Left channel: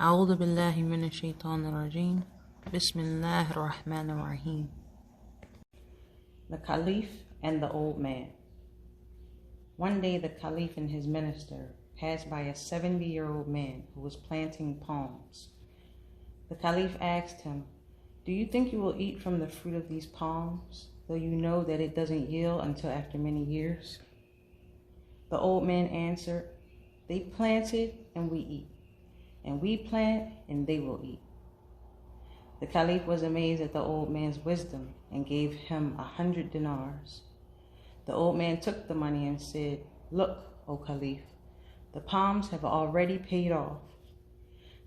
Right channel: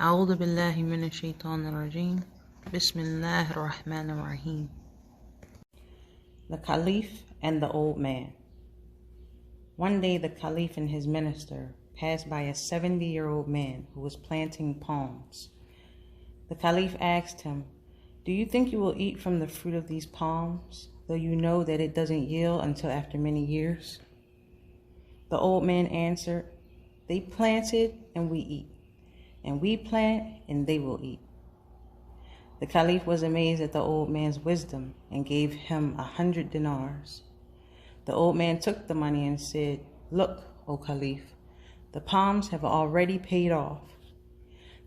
أعوذ بالله من الشيطان الرجيم بسم الله الرحمن الرحيم. The Khalif and the Old Man. One day the Khalif and his minister passed by a 70-year-old man who was planting palms. The Khalif asked him, "Do you think you will eat from the fruit of these palms, though you know that it doesn't yield until after many years?" The old man answered, "They planted and we eat, and we plant and they will eat." The Khalif was amazed at the old man's wisdom and gave him 100 dinars. The old man took the money and said, "Look, O Khalif, the palms have already paid off."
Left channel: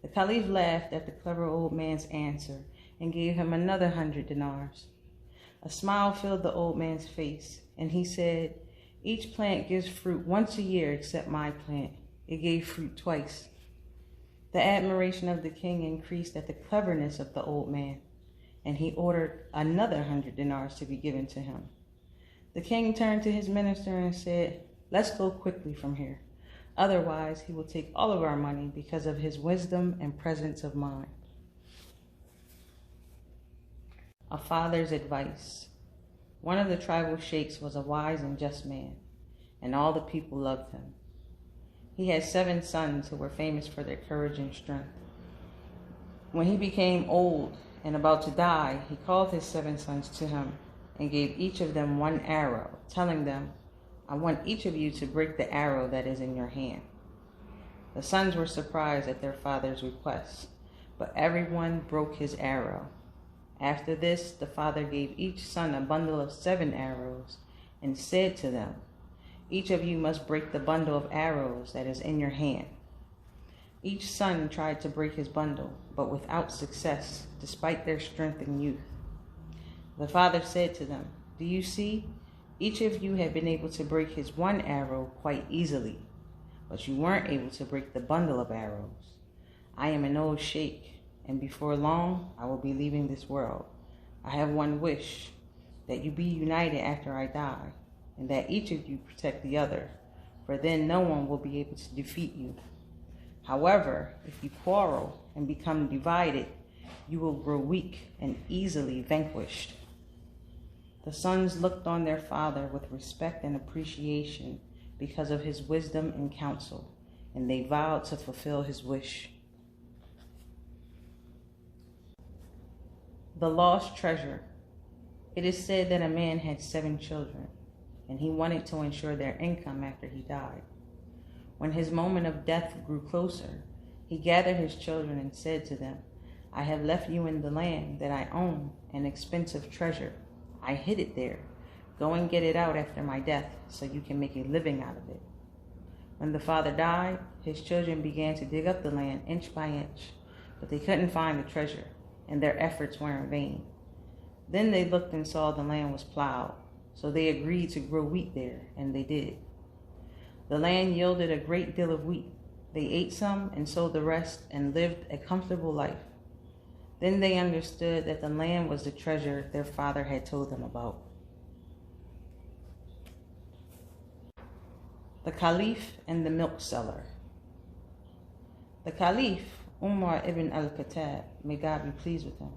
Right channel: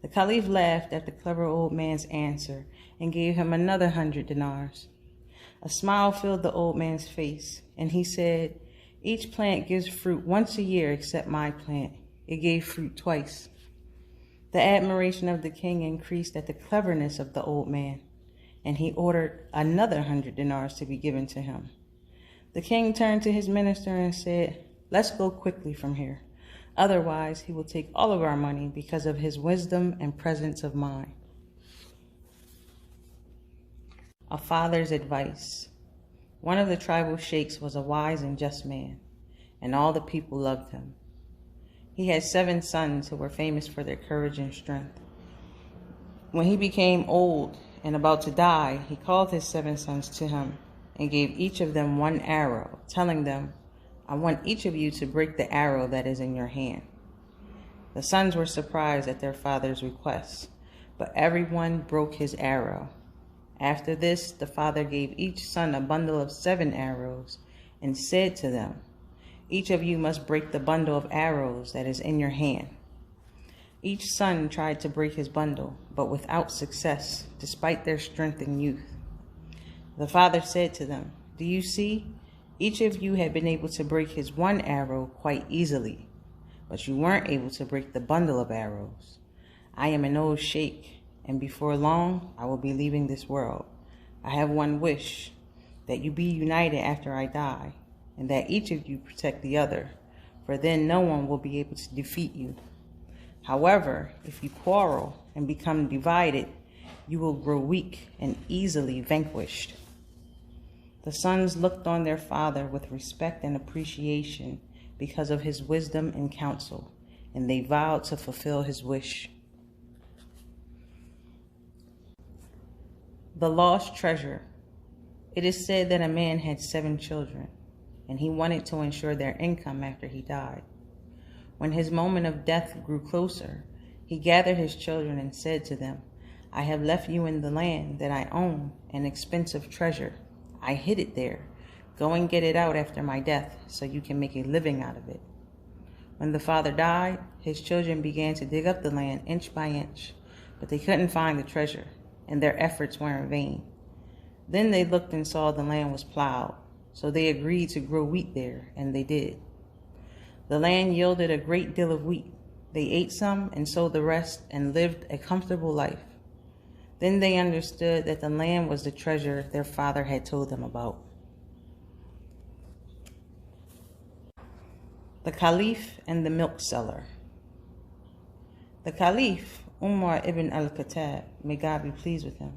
The Khalif laughed at the clever old man's answer and gave him another 100 dinars. A smile filled the old man's face, and he said, "Each plant gives fruit once a year except my plant. It gave fruit twice." The admiration of the king increased at the cleverness of the old man, and he ordered another 100 dinars to be given to him. The king turned to his minister and said, "Let's go quickly from here. Otherwise, he will take all of our money because of his wisdom and presence of mind." A father's advice. One of the tribal sheikhs was a wise and just man, and all the people loved him. He had 7 sons who were famous for their courage and strength. When he became old and about to die, he called his 7 sons to him and gave each of them 1 arrow, telling them, "I want each of you to break the arrow that is in your hand." The sons were surprised at their father's request, but everyone broke his arrow. After this, the father gave each son a bundle of 7 arrows and said to them, "Each of you must break the bundle of arrows that is in your hand." Each son tried to break his bundle, but without success, despite their strength and youth. The father said to them, "Do you see? Each of you had been able to break his 1 arrow quite easily, but you weren't able to break the bundle of arrows. I am an old sheikh, and before long I will be leaving this world. I have one wish, that you be united after I die, and that each of you protect the other, for then no one will be able to defeat you. However, if you quarrel and become divided, you will grow weak and easily vanquished." The sons looked on their father with respect and appreciation because of his wisdom and counsel, and they vowed to fulfill his wish. The lost treasure. It is said that a man had 7 children, and he wanted to ensure their income after he died. When his moment of death grew closer, he gathered his children and said to them, "I have left you in the land that I own an expensive treasure. I hid it there. Go and get it out after my death so you can make a living out of it." When the father died, his children began to dig up the land inch by inch, but they couldn't find the treasure, and their efforts were in vain. Then they looked and saw the land was plowed, so they agreed to grow wheat there, and they did. The land yielded a great deal of wheat. They ate some and sold the rest and lived a comfortable life. Then they understood that the land was the treasure their father had told them about. The Khalif and the milk seller. The Khalif, Umar ibn al-Khattab, may God be pleased with him,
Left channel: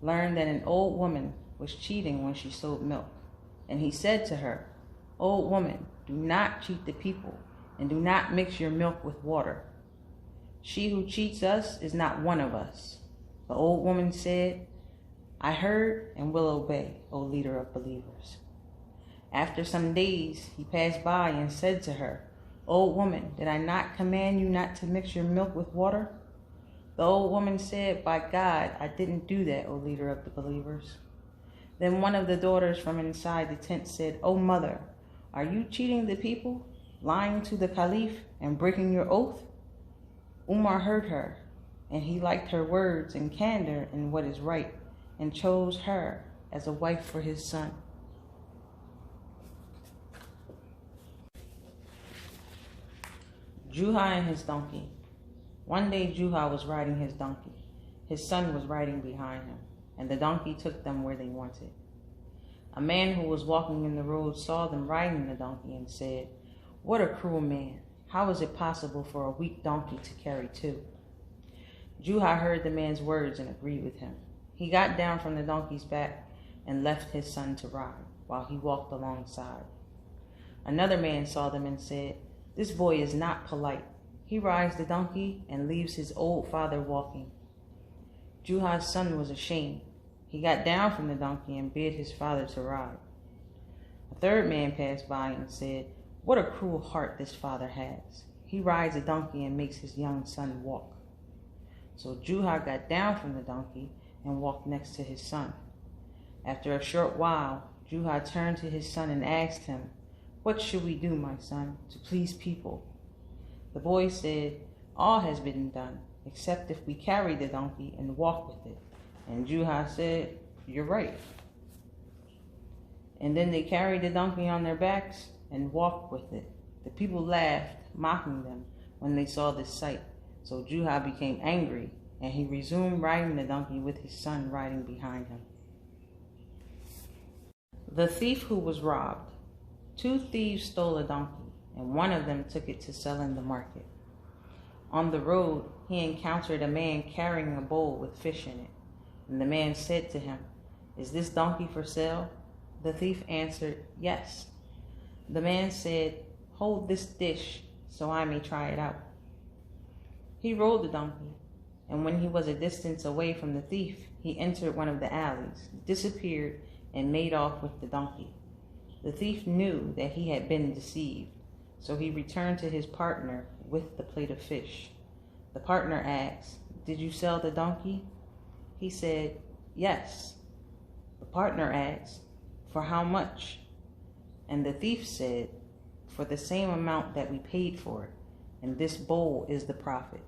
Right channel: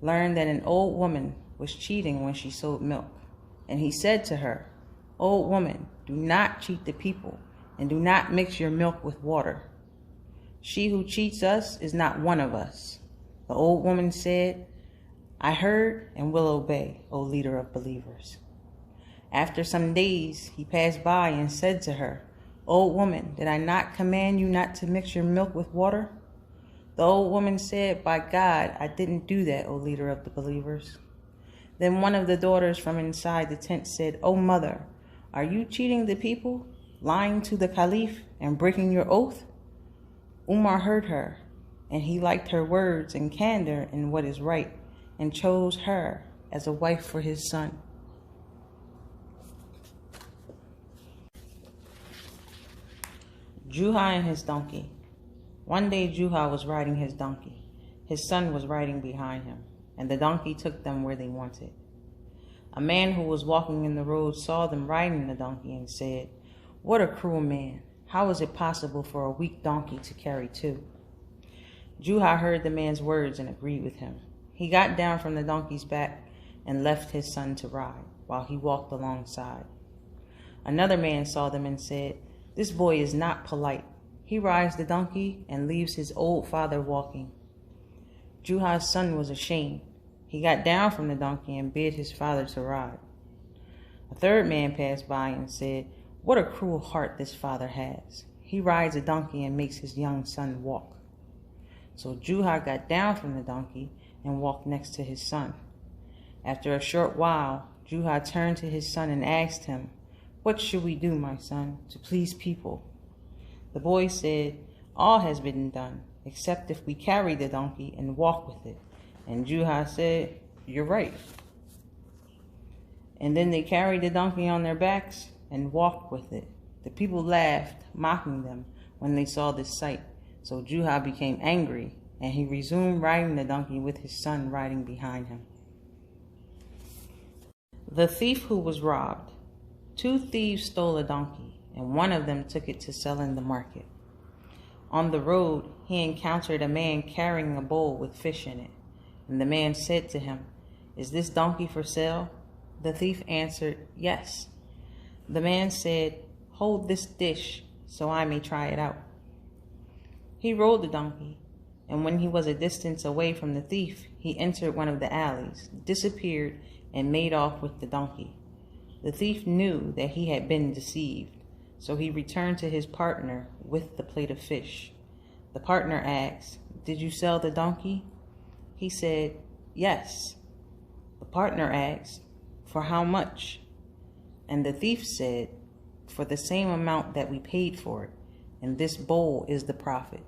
learned that an old woman was cheating when she sold milk. And he said to her, "Old woman, do not cheat the people, and do not mix your milk with water. She who cheats us is not one of us." The old woman said, "I heard and will obey, O leader of believers." After some days, he passed by and said to her, "Old woman, did I not command you not to mix your milk with water?" The old woman said, "By God, I didn't do that, O leader of the believers." Then one of the daughters from inside the tent said, "O mother, are you cheating the people, lying to the Khalif, and breaking your oath?" Umar heard her, and he liked her words and candor in what is right, and chose her as a wife for his son. Juha and his donkey. One day Juha was riding his donkey. His son was riding behind him, and the donkey took them where they wanted. A man who was walking in the road saw them riding the donkey and said, "What a cruel man! How is it possible for a weak donkey to carry 2?" Juha heard the man's words and agreed with him. He got down from the donkey's back and left his son to ride, while he walked alongside. Another man saw them and said, "This boy is not polite. He rides the donkey and leaves his old father walking." Juha's son was ashamed. He got down from the donkey and bid his father to ride. A third man passed by and said, "What a cruel heart this father has. He rides a donkey and makes his young son walk." So Juha got down from the donkey and walked next to his son. After a short while, Juha turned to his son and asked him, "What should we do, my son, to please people?" The boy said, "All has been done, except if we carry the donkey and walk with it." And Juha said, "You're right." And then they carried the donkey on their backs and walked with it. The people laughed, mocking them when they saw this sight. So Juha became angry, and he resumed riding the donkey with his son riding behind him. The thief who was robbed. 2 thieves stole a donkey, and one of them took it to sell in the market. On the road, he encountered a man carrying a bowl with fish in it. And the man said to him, "Is this donkey for sale?" The thief answered, "Yes." The man said, "Hold this dish so I may try it out." He rode the donkey, and when he was a distance away from the thief, he entered one of the alleys, disappeared, and made off with the donkey. The thief knew that he had been deceived, so he returned to his partner with the plate of fish. The partner asked, "Did you sell the donkey?" He said, "Yes." The partner asked, "For how much?" And the thief said, "For the same amount that we paid for it, and this bowl is the profit."